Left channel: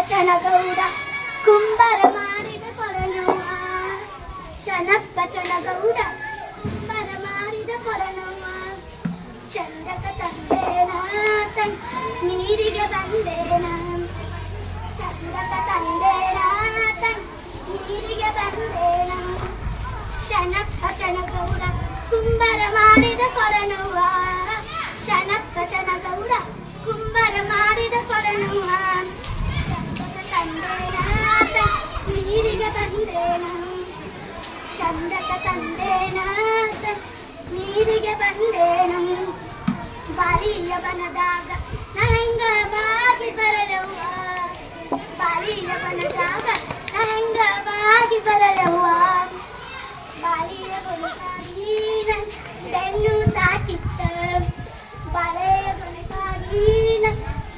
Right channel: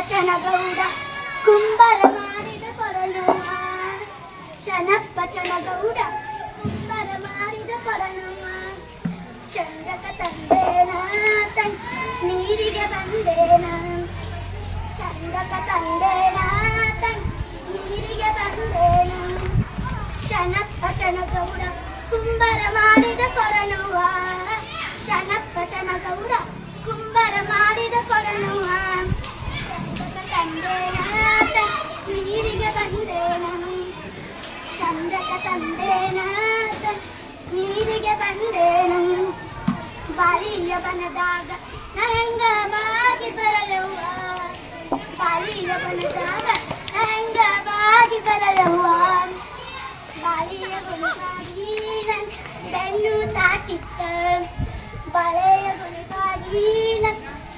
ಚನಗೌಡ ಕುಂಬರ ಮಾಡಿದ ಕೊರನವ್ವ ಶನಪ್ಪ ಚನಗೌಡ ಕುಂಬರ ಮಾಡಿದ ಕೊರನವ್ವ ಚಂದಕ ತಂದೇನ ನೀರಿಗೆ ಬಂದೇನ ಚಂದಕ ತಂದೇನ ನೀರಿಗೆ ಬಂದೇನ ಶನಪ್ಪ ಚನಗೌಡ ಕುಂಬರ ಮಾಡಿದ ಕೊರನವ್ವ ಶನಪ್ಪ ಚನಗೌಡ ಕುಂಬರ ಮಾಡಿದ ಕೊರನವ್ವ ಚಂದಕ ತಂದೇನ ನೀರಿಗೆ ಬಂದೇನ ಚಂದಕ ತಂದೇನ ನೀರಿಗೆ ಬಂದೇನ ಬಾಲಿಯ ಬನದಾಗ ನಂಗ ಬಾಗಿ ಬರಲವ್ವ ಬಾಲಿಯ ಬನದಾಗ ನಂಗ ಬಾಗಿ ಬರಲವ್ವ ಬಾಲಿಯ ಬನಗಾಗಿ ಬೆನ್ನು ತಾಕಿತ್ತ ಬಾಳೆಯ ಬನಗಾಗಿ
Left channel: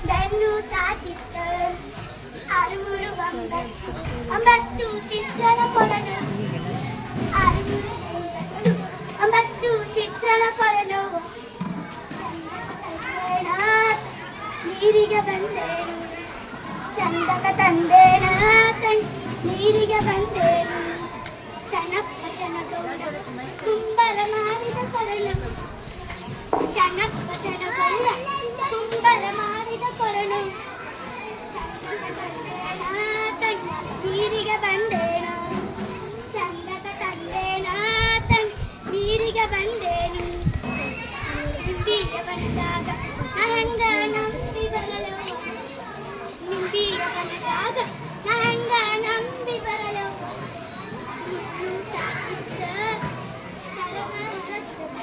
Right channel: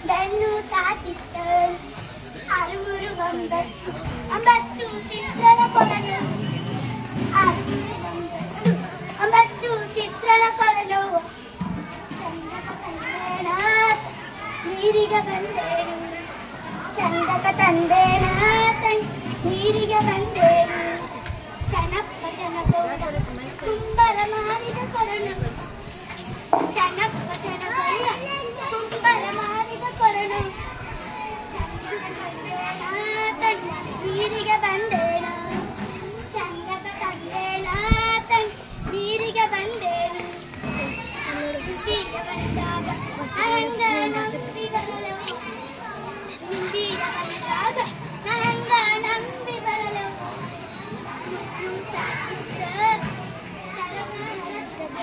ಬೆನ್ನು ತಾಕಿತ್ತ ಅರುಮುರು ಒಂಬತ್ತು ಚಿತ್ರಣ ಕೊರನು ಒಂಬತ್ತು ಚಿತ್ರಣ ಕೊರನು ಚಂದಕ ತಂದೇನ ನೀರಿಗೆ ಬಂದೇನು ಚಂದಕ ತಂದೇನ ನೀರಿಗೆ ಬಂದೇನು ಚನಪ್ಪ ಚನಗೌಡ ಕುಂಬರ ಮಾಡಿದ ಕೊರನು ಚನಪ್ಪ ಚನಗೌಡ ಕುಂಬರ ಮಾಡಿದ ಕೊರನು ಚಂದಕ ತಂದೇನ ನೀರಿಗೆ ಬಂದೇನ ಚಂದಕ ತಂದೇನ ನೀರಿಗೆ ಬಂದೇನು ನಿಂಬಿಯ ಬಂದಾಗ ನಂಗ ನಂಬಿ ಬರಲವ್ವ ನಿಂಬಿಯ ಬಂದಾಗ ನಂಗ ನಂಬಿ ಬರಲವ್ವ ಮುತ್ತು ತಾಕಿದ್ದ ಸರಗ ಹರಸಿದ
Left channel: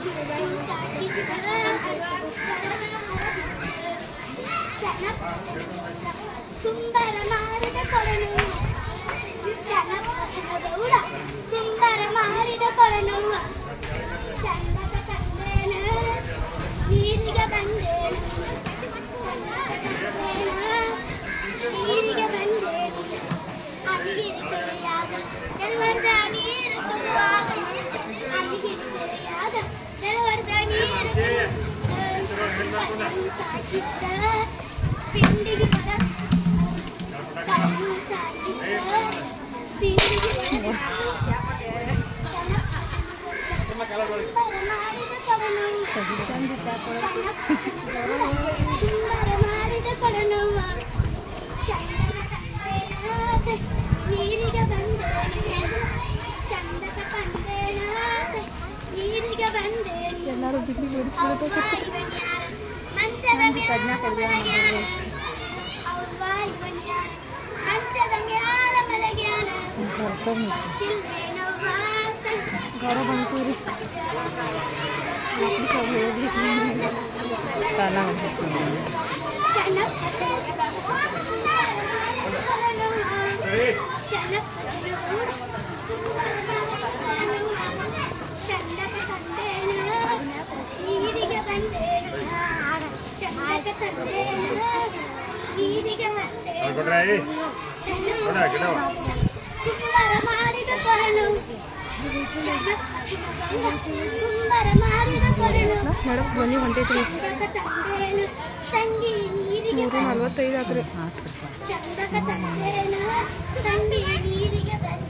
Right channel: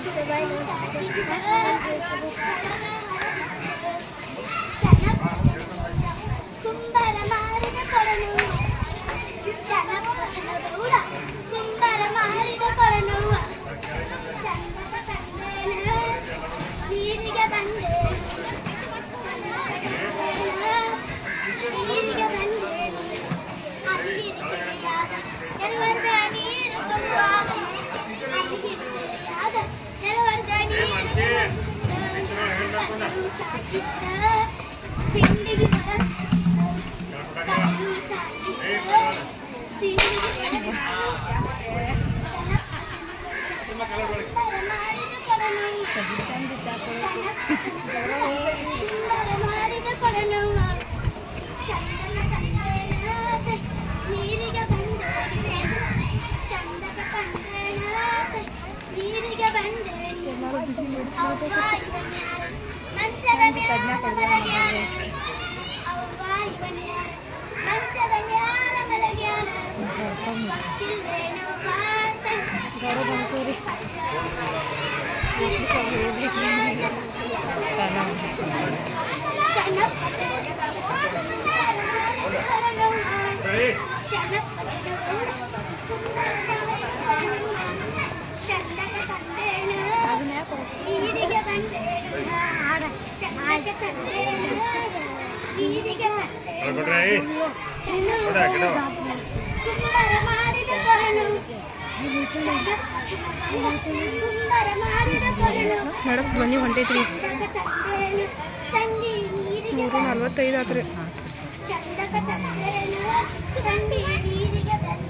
ಮುತ್ತು ತಾಕಿದ್ದ ಸರಗ ಹರಸಿದ ಚನಪ್ಪ ಚನಗೌಡ ಕುಂಬರ ಮಾಡಿದ ಕೊರನವ್ವ ಚನಪ್ಪ ಚನಗೌಡ ಕುಂಬರ ಮಾಡಿದ ಕೊರನವ್ವ ಚಂದಕ ತಂದೇನ ನೀರಿಗೆ ಬಂದೇನು ಚಂದಕ ತಂದೇನ ನೀರಿಗೆ ಬಂದೇನು ಅಲಿಗಿರಿ ತೆರೆಯಾಗ ನೆಲವರ್ದ ನೀರು ಕೊಡುವಾಗ ಅಲಿಗಿರಿ ತೆರೆಯಾಗ ನೆಲವರ್ದ ನೀರು ಕಲ್ಲು ತಾಕಿದ್ದ ಪಿಂಡಿಗೆ ಕಲ್ಲು ತಾಕಿದ್ದ ಪಿಂಡಿಗೆ ಕುಂಬರ ಮಾಡಿದ ಕೊರನವ್ವ ಕುಂಬರ ಮಾಡಿದ ಕೊರನವ್ವ ಚಂದಕ ತಂದೇನ ನೀರಿಗೆ ಬಂದೇನು ಚಂದಕ ತಂದೇನ ನೀರಿಗೆ ಬಂದೇನು ಅವ್ವ ಇವನ್ಯಾರ ಮಂಚದ ಮ್ಯಾಲ ಮಲಗ್ಯಾನ ಅವ್ವ ಇವನ್ಯಾರ ಮಂಚದ ಮ್ಯಾಲ ಮಲಗ್ಯಾನ ಗೊತ್ತಿಲ್ವೇನವ್ವ ಚನಪ್ಪ ಚನಗೌಡ ಚಂದಕ ತಂದೇನ ನೀರಿಗೆ ಬಂದೇನು ಚಂದಕ ತಂದೇನ ನೀರಿಗೆ ಬಂದೇನು ಕುಂಬರ ಮಾಡಿದ ಕೊರನು ಕುಂಬರ ಮಾಡಿದ ಕೊರನು ನಡಕ್ ಬನ್ನಿ ಹೊಂಟೈತ್ರಿ ತಂದೇನು ತಂಗಿ ನೀರಿಗೆ 3:45 ಆತ್ರಿ ಚಂದಕ ತಂದೇನ ತಂಗಿ ನೀರಿಗೆ ಬಂದ